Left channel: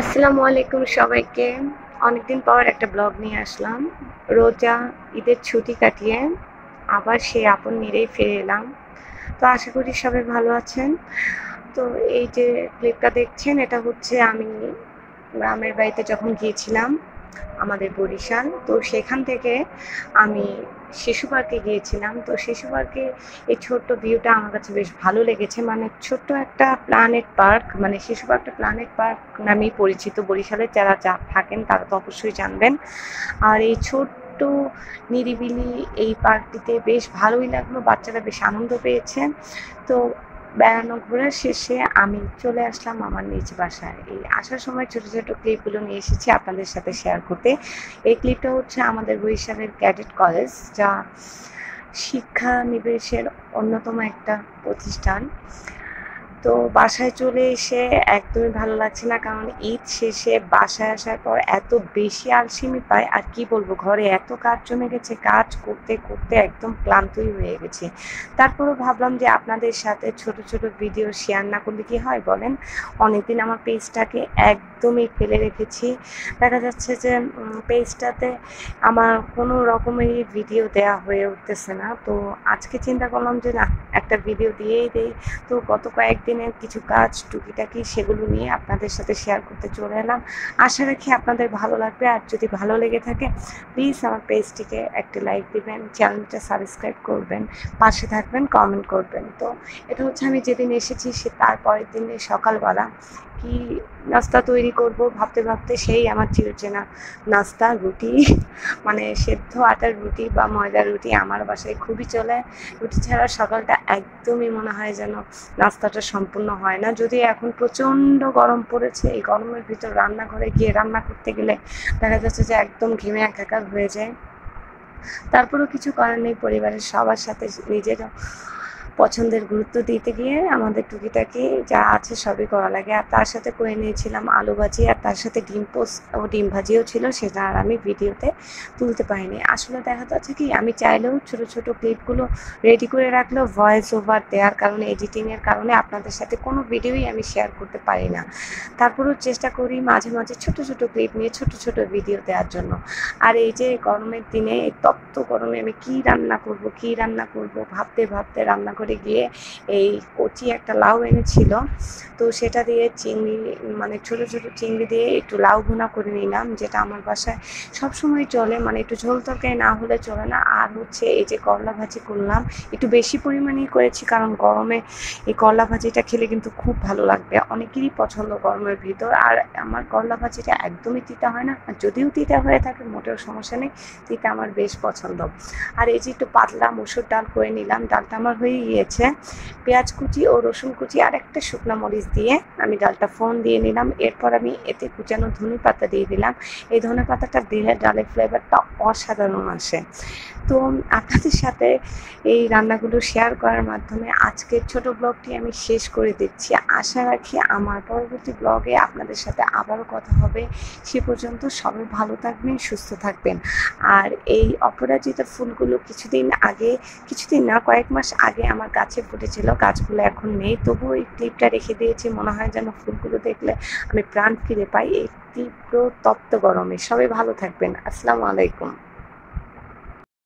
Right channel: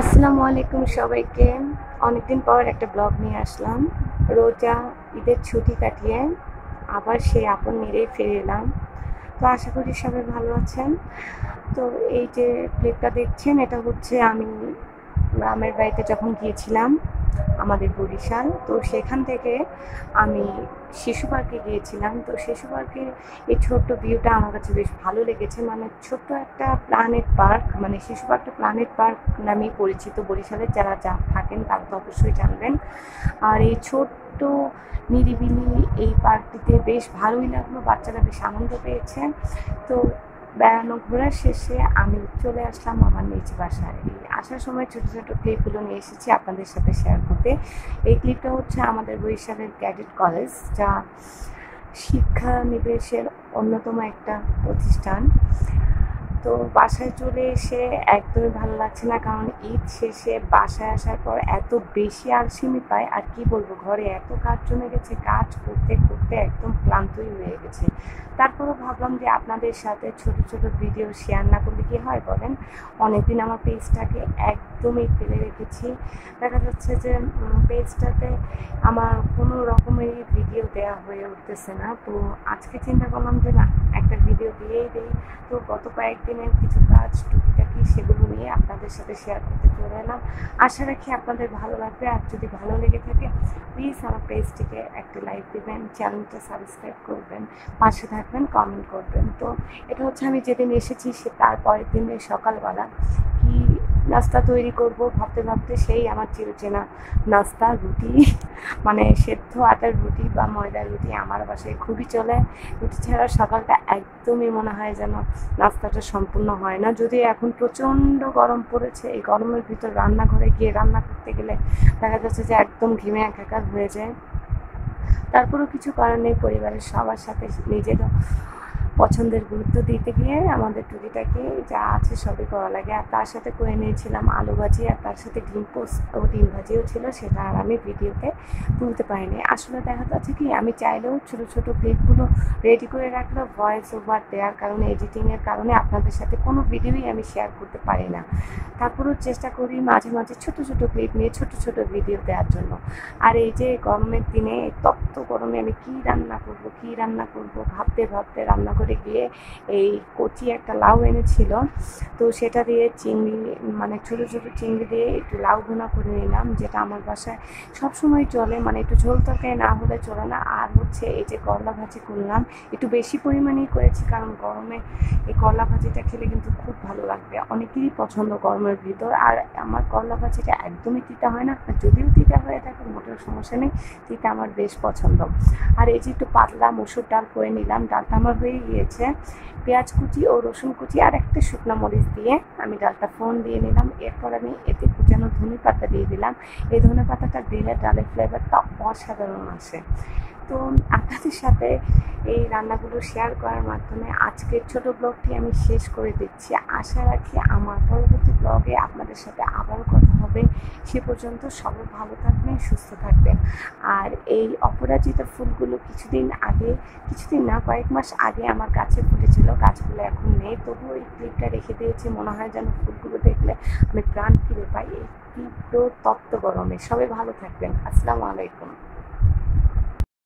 আসসালামু আলাইকুম সবাইকে। অনেকদিন পর একটা ব্লগ নিয়ে আসলাম। রোজা ঈদের ছুটি কাটিয়ে আবার সেই আপন নিরেই ফিরে এলাম। তো আশা করি সবাই ভালো আছেন। তো এই যে ক্লিপটা দেখছেন, এটা হচ্ছে আমি গ্রামের বাড়িতে যখন গিয়েছিলাম আমাদের বরিশাল, তো সেখান থেকে আমি শিশু পার্কে গিয়েছিলাম। তো শিশু পার্কে এই ছোট্ট ভিউটা আমার কাছে বেশ ভালো লেগেছে। মানে ছোট্ট একটা প্ল্যানেট পার্ক, মানে শিশু পার্কটা প্ল্যানেট পার্ক নামেই পরিচিত। বরিশালের যারা থাকেন তারা তো অবশ্যই জানবেন। আর এই ছোট্ট নিরিবিলি এই পার্কটিতে বেশ ভালোই লাগলো, বাচ্চারা বেশ আনন্দ পেয়েছেন। তো বেড়ানো ঘোরার শেষে আমি চলে আসলাম আমার নিজ বাসায়। এই আসার সময় ছোট ছোট ক্লিপগুলো নিয়ে এসেছি আপনাদের সাথে শেয়ার করতে। এই ক্লিপটা হচ্ছে আমাদের বরিশালের ক্যাডেট কলেজ, যা শিক্ষানিবেশের অন্যতম একটা প্রতিষ্ঠান। তো বাসায় চলে এসে একদমই ভালো লাগছে না, কারণ ঈদ শেষে বাসায় আসার পর এত বেশি আলসেমি পাই, আর কি বলবো, ঘরে এত কাজ জমে গেছে, কাজ করতে করতে একদম ক্লান্তই হয়ে গেছি। তারপরেও ভাবলাম যে আপনাদের সাথে ছোট ছোট ভিডিও শেয়ার না করলে কি হয় বলেন। অনেকদিন আমার পেজটাকে একদমই ফেলে রেখেছি। দেখা যাচ্ছে যে পেজটাতে আমার কোনো রকমেরই ভিডিও দেওয়া হয়ে উঠতেছে না। তো আজকে চিন্তা করলাম যে না, একটা ভিডিও দিয়েই দেই। তো গত কয়েকদিনের কিছু কাজ টুকিটাকি সেগুলো নিয়ে আপনাদের সাথে শেয়ার করতে চলে এলাম। আশা রাখি আপনাদের ভালো লাগবে। আর যদি ভালো লেগে থাকে প্লিজ আমার পেজটিকে একটা লাইক দিবেন, চ্যানেলটা সাবস্ক্রাইব করবেন, পাশে থাকবেন, কমেন্ট করবেন। তো এটা হচ্ছে আমি যেদিন এসেছি সে তার পরের দিনের সকালবেলা। কি নাস্তা তৈরি করব ভাবতে ভাবতে সেই আমার চিরচেনা নাস্তা, রুটি। মানে সেদ্ধ আটার রুটি বা ময়দার রুটি আমার বাসায় খুবই চলে। রুটি ছাড়া সকালটা একদমই মনে হয় যেন নাস্তাটা সম্পূর্ণ হয় না। যদিও এখন প্রচণ্ড গরম পড়েছে, এই গরমের ভিতর রান্নাঘরে গিয়ে রান্না করতে গেলে দেখা যাচ্ছে যে একদম ঘেমে একাকার হয়ে যায়। তারপরেও কিছু করার নেই, পরিবারের সবার সাথে নিজেরও পছন্দের গুরুত্ব দিতে গিয়ে আমাদের টুকিটাকি যা আছে সবই করা লাগে। আর তার সাথে করে নিয়েছিলাম আলু ভাজি, আর তার সাথে ডিম পোস্ট ও ডিম ভাজিও ছিল, সেটা আর আমি ভিডিওতে তুলতে পারিনি। আসলে দেখা যাচ্ছে কি, আমি চাইলেও ছোট ছোট ক্লিপগুলো রেডি করে রাখলেও ভয়েস ওভার দেওয়ার কারণে, এডিটিংয়ের কারণে আপনাদের সাথে কোনো ভিডিওই আমি শেয়ার করতে পারি না। তারপরেও চেষ্টা করি মাঝে মাঝে ছোট ছোট ক্লিপ নিয়ে ছোট ছোট ভিডিও দেওয়ার জন্য। আর এই যে গরমের দিনে, এই তপ্ত গরমে আমি কী রান্না করব ভাবতে ভাবতে রান্নাঘরে গিয়ে এই কচি একটা লাউ এনেছিল, তো সেটা দিয়ে চিংড়ি, মানে ছোট ছোট চিংড়ি দিয়ে একটু লাউ ভুনা করে নিলাম, যেটা আমার বাসায় সবসময় চলে, মানে একটু ঝোল তরকারি না হলে চলে না। আর হচ্ছে এই যে করলা ভাজি করলাম, একটু বেশি পরিমাণেই করেছি, কারণ গরমে এই করলা ভাজিটা খেলে কিন্তু খুব ভালো লাগবে, অনেকেরই পছন্দ গরমের ভিতর। আর আমার করলা ভাজিটা একদমই তিতা হয় না, আর যদিও তিতা হয়ে থাকে মোটেও সমস্যা নেই, তিতা আমার বেশ পছন্দ। আর এই যে একটু পাতলা মসুর ডাল করে নিলাম, ডালটা আমার হয়ে গিয়েছে। পেঁয়াজ কুচি ও রসুন কুচি আর একটা শুকনো মরিচ দিয়ে আমি ডালটা ফোড়ন দিয়ে নিলাম। এরপর আমি এতে কুচানো ধনে পাতা দিয়ে দিলাম। এই ধনে পাতাটা দিলে ডালের ফ্লেভারটা অসাধারণ আসে। তো আপনাদের সাথে এই রান্নাগুলো শেয়ার করার মাধ্যমে আজকের ছোট ব্লগটি আমি শেষ করে দিচ্ছি। আশা রাখি আমার পরবর্তী ব্লগে আপনাদের সাথে আবারও কথা হবে। সে পর্যন্ত সবাই ভালো থাকবেন, সুস্থ থাকবেন। আর এই অপরাজিতা ফুলগুলো কিছুদিন না, কয়েক মাস আগে আমার গাছে ফুটেছিল, গাছগুলো এখন নেই, তবুও এই ক্লিপটা রেখে দিয়েছি। মনে হয় যেন ফুলগুলো দেখলে আমি প্রাণ ফিরে পাই এই তীব্র তপ্ত গরমে। সবাই ভালো থাকবেন। আসসালামু আলাইকুম।